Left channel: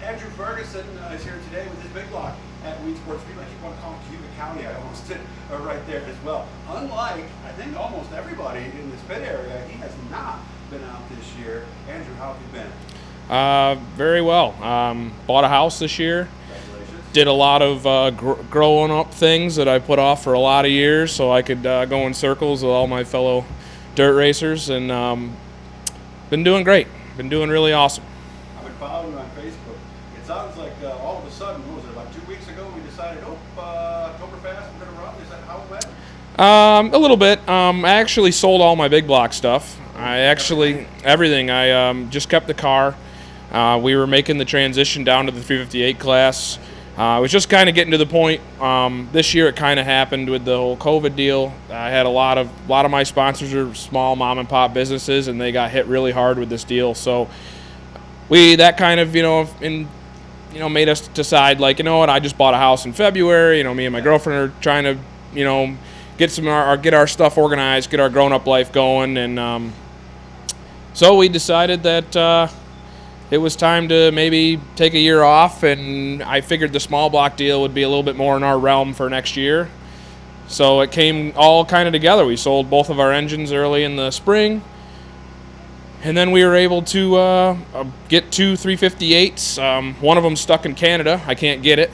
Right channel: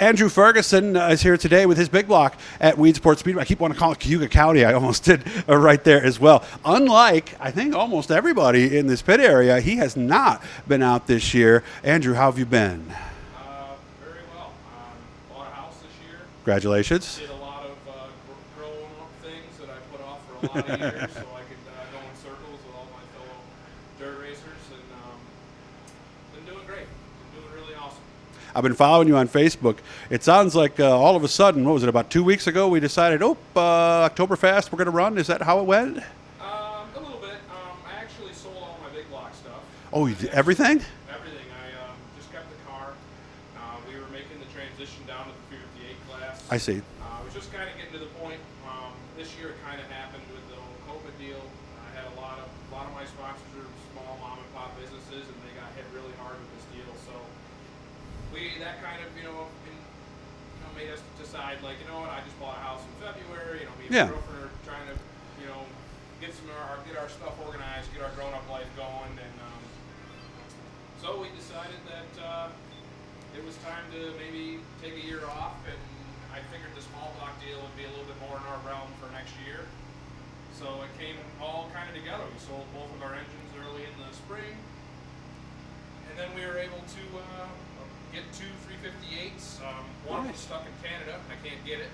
Andrew Ferguson is here today with his big block at Weedsport Speedway. I keep wanting to call it Cayuga County. I almost did right there as well. Unlike, I think, almost everybody in this pit area, he has not been out this year. Andrew, how have you been? Very well. Bought a house this year. Congratulations. Did a lot of growing up things that I put off for a lot of years so I could go in circles with all my fellow dirt racers, and been doing great. Been doing really awesome. I've been following you on Facebook. It sounds like all of a sudden, what was it, about 2 weeks ago, we decided, Oktoberfest, we're going to run. Is that how it went? A little bit. I actually sold all my big block stuff. Oh, everything? Everything. I just kept the car. We were making the transition down to the 358 class. I see. I was just kind of getting to the point. This year it kind of happened with the whole COVID deal. I had a lot of my sponsors are small mom and pop businesses, and they got hit really hard with this deal. So that kind of made us decide, like, you know what, I just bought a house in February. Me and my girlfriend are trying to get our stuff organized, get our grown up life going, and so we decided that. It was time to maybe take a year off, and I figured the small block deal would be a little bit more in our realm for next year. So it came all kind of together. We sold both of our engines early in the spring, and then we were able to get two 358s. One of them stuck in Canada. I can't get it.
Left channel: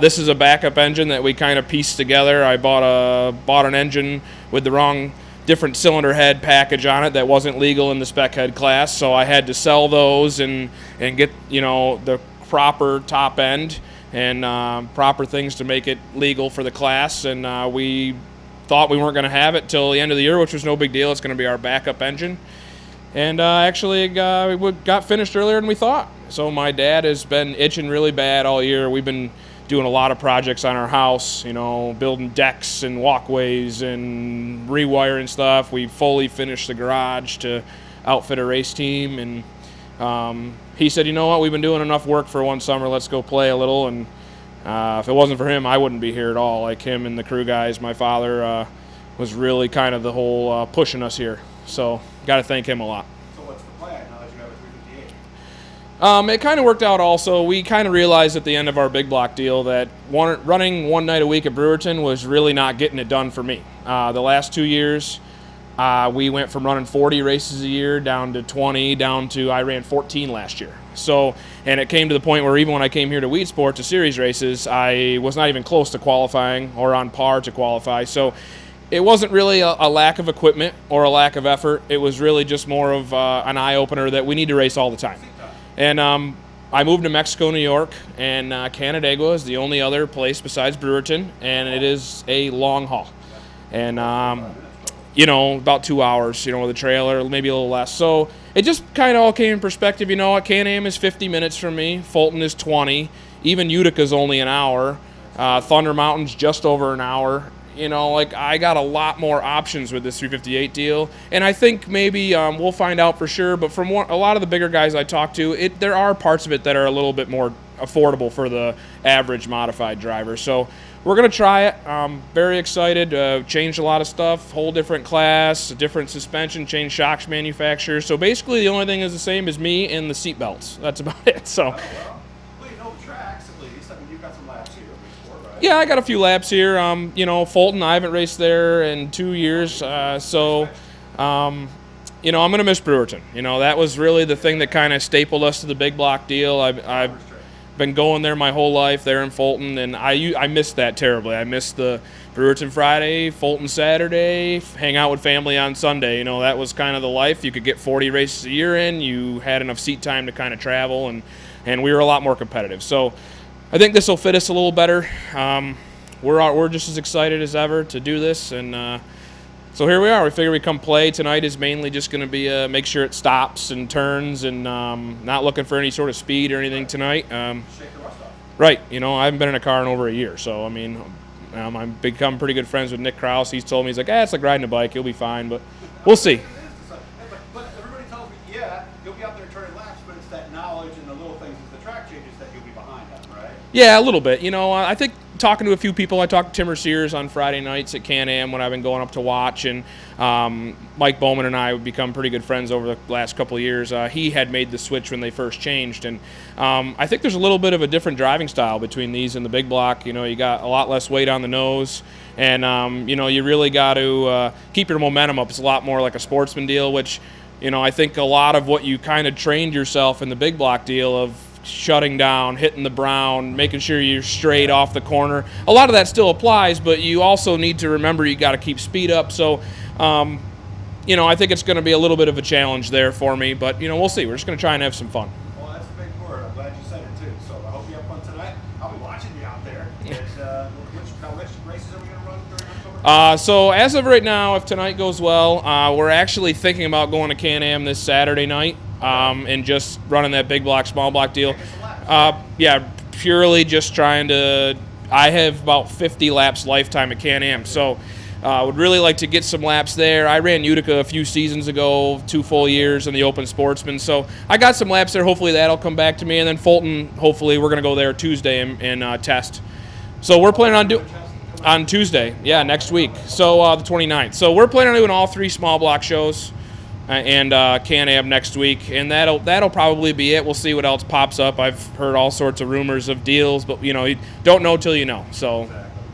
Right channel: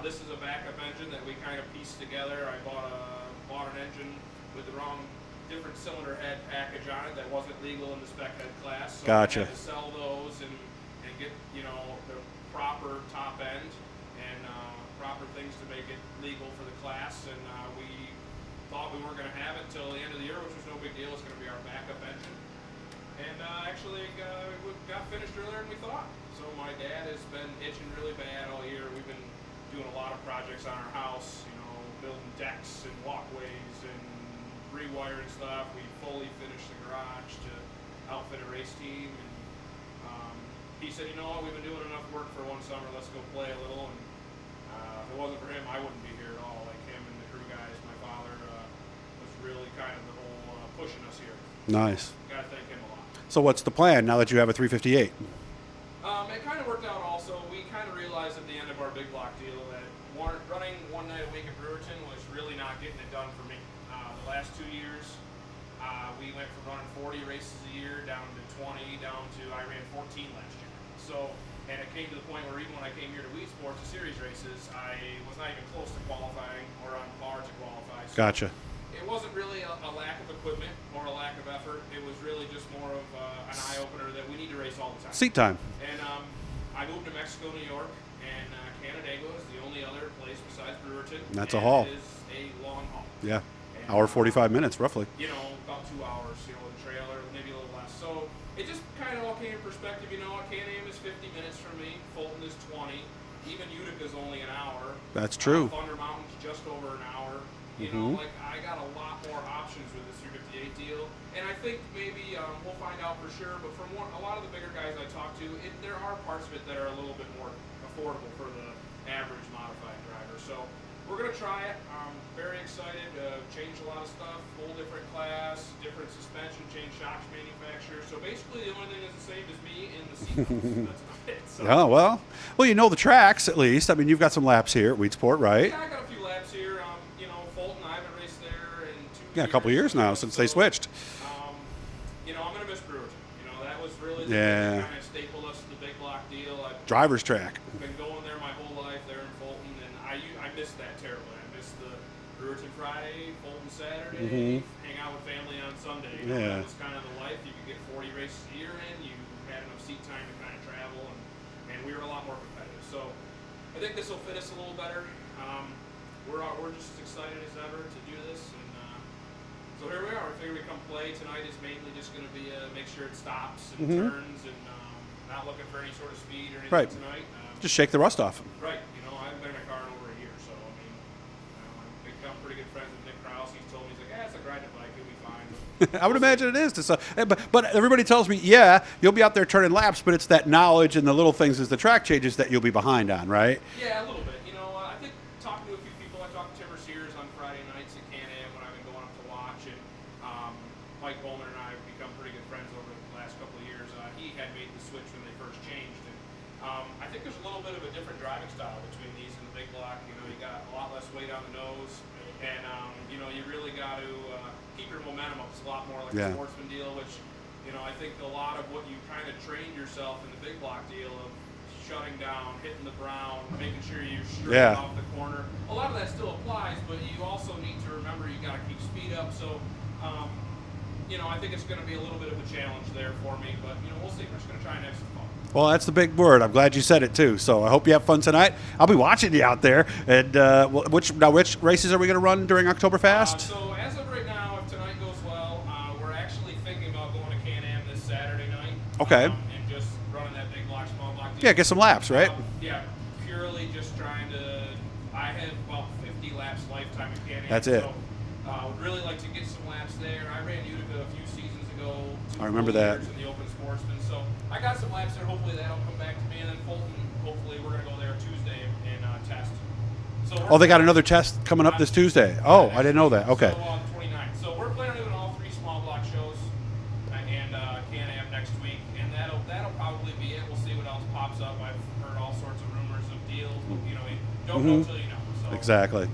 This is a backup engine that we kind of pieced together. I bought an engine with the wrong different cylinder head package on it that wasn't legal in the spec head class, so Gotcha. I had to sell those and get the proper top end and proper things to make it legal for the class, and we thought we weren't going to have it till the end of the year, which was no big deal. It's going to be our backup engine, and actually we got finished earlier than we thought. So my dad has been itching really bad all year. We've been doing a lot of projects on our house, building decks and walkways and rewiring stuff. We fully finished the garage to outfit a race team, and he said, you know what, we've been doing enough work for one summer, let's go play a little. And if it wasn't for him, I wouldn't be here at all. Like him and the crew guys, my father was really kind of the whole pushing us here. Nice. So got to thank him a lot. So what's the plan now that you have a 358? It kind of worked out also. We kind of realized at the end of our big block deal that running one night a week at Brewerton was really not getting it done for me. The last 2 years, we went from running 40 races a year down to 20, down to I ran 14 last year. So, and it came to the point where even when I came here to Weedsport to series races, I was not even close to qualifying or on par to qualify. So. Gotcha. It wasn't really a lack of equipment or a lack of effort. It was really just more of an eye-opener that we need to race all the time. Seat time. And I moved to Mexico, New York, and Canandaigua is the only other place besides Brewerton, and it is a long haul. Yeah. And hour 45 minutes, roughly. About 2 hours, with a trailer, maybe a little less. So it just kind of all came in perspective. Can-Am is 50 minutes from me. Fulton is 20. Even Utica's only an hour. That's true. Thunder Mountain's just over an hour. I got a lot more options with this 358 deal, and I think maybe we'll find out for sure. But from a lot of the bigger guys I talk to, there are parts of it that are a little bit more affordable for the average modified driver. So we're gonna try it. Very excited. Changed a lot of stuff. Whole different class, different suspension, changed shocks manufacturer. So basically, the only thing is the same as me and the seat belts. That's about it. So. Oh well. Well, you know the tracks at least. I mean, you've got some laps here at Weedsport, right? Yeah, I got a few laps here. Fulton, I haven't raced there in 2 years. A couple years now since they switched. I'm going to miss Brewerton. That was really the thing that kind of stapled us to the big block deal. Driver's track. Been going there my whole life, there in Fulton, and I missed that terribly. I missed the Brewerton Friday, Fulton Saturday, hang out with family on Sunday. That was kind of the life. You could get 40 races a year in. You had enough seat time to kind of travel, and we were a lot more competitive. So I think this will fit us a little better. We're just as excited as ever to do this, and so here we are. We figure we come play. Tonight is mainly just going to be make sure it stops and turns, and not looking for any sort of speed or anything tonight. Just shake the rust off. Right. I haven't been in a car in over a year, so I mean, I've become pretty good friends with Nick Krause. He's told me, he's like, it's like riding a bike. You'll be fine, but we'll see. I would imagine it is. But everybody tells me, you'll be out there turning laps, but it's that knowledge and the little things as the track changes that you'll be behind on, right? Yeah, a little bit. I think talking to a few people. I talked to Timmer Sears on Friday nights at Can-Am when I've been going up to watch, and Mike Bowman and I have become pretty good friends over the last couple of years. He had made the switch when they first changed, and I think there's a little bit of a different driving style between these and the big block. You know, you got a lot less weight on the nose, and you know, you really got to keep your momentum up. It's a lot more like a sportsman deal, which, you know, I think a lot of what you kind of trained yourself in the big block deal of shutting down, hitting the brown, making sure you're straight off the corner. A lot of that still applies, but you also need to remember you got to keep speed up. So, you know, I think it's going to be a little bit of a challenge there for me, but, you know, we'll see. We're just going to try and have some fun. Well, that's the big word. I'm glad you said it, too. So I hope you have fun tonight. I'll be watching you out there. And which races are we going to run during Oktoberfest? So as of right now, if tonight goes well, we're actually thinking about going to Can-Am this Saturday night. And just running that big block, small block deal. Yeah, get some laps, right? Purely just trying to – I have about 50 laps lifetime at Can-Am, so – would really like to get some laps there. I ran Utica a few seasons ago, 2 full years in the Open Sportsman. So I got some laps there. Hopefully that'll come back to me. And then Fulton, hopefully we're going to go there Tuesday and test. So we're planning on another test coming up on this Tuesday. Yeah, next week. Okay. So the 29th. So we're planning on doing all 3 small block shows and Can-Am next week. And that'll probably be it. We'll see what else pops up. I've heard all sorts of rumors of deals, but, you know, you don't know till you know. So exactly.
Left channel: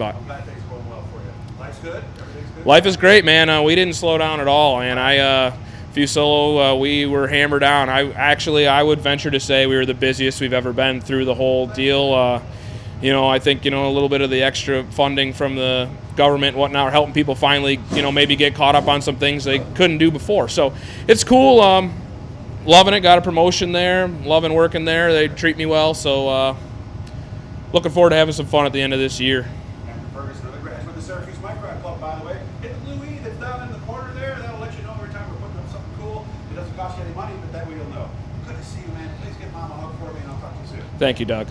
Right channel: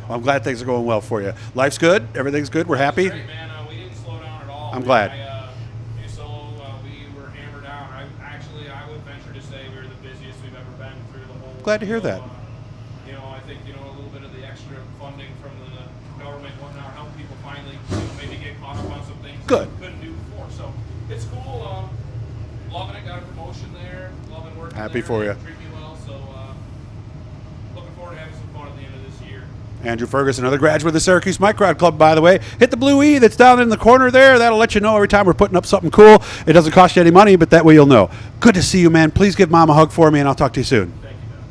I'm glad things are going well for you. Life's good? Everything's good? Life is great, man. We didn't slow down at all. I'm glad. Few solo, we were hammered down. I would venture to say we were the busiest we've ever been through the whole deal. You know, I think, you know, a little bit of the extra funding from the government and whatnot are helping people finally, you know, maybe get caught up on some things they couldn't do before. So it's cool. Loving it. Got a promotion there. Loving working there. They treat me well. So looking forward to having some fun at the end of this year. Andrew Ferguson, another graduate of the Syracuse Microd Club, by the way. Hit the blue E that's down in the corner there. That'll let you know every time we're putting up something cool. It doesn't cost you any money, but that way you'll know. Good to see you, man. Please give Mom a hug for me, and I'll talk to you soon. Thank you, Doug.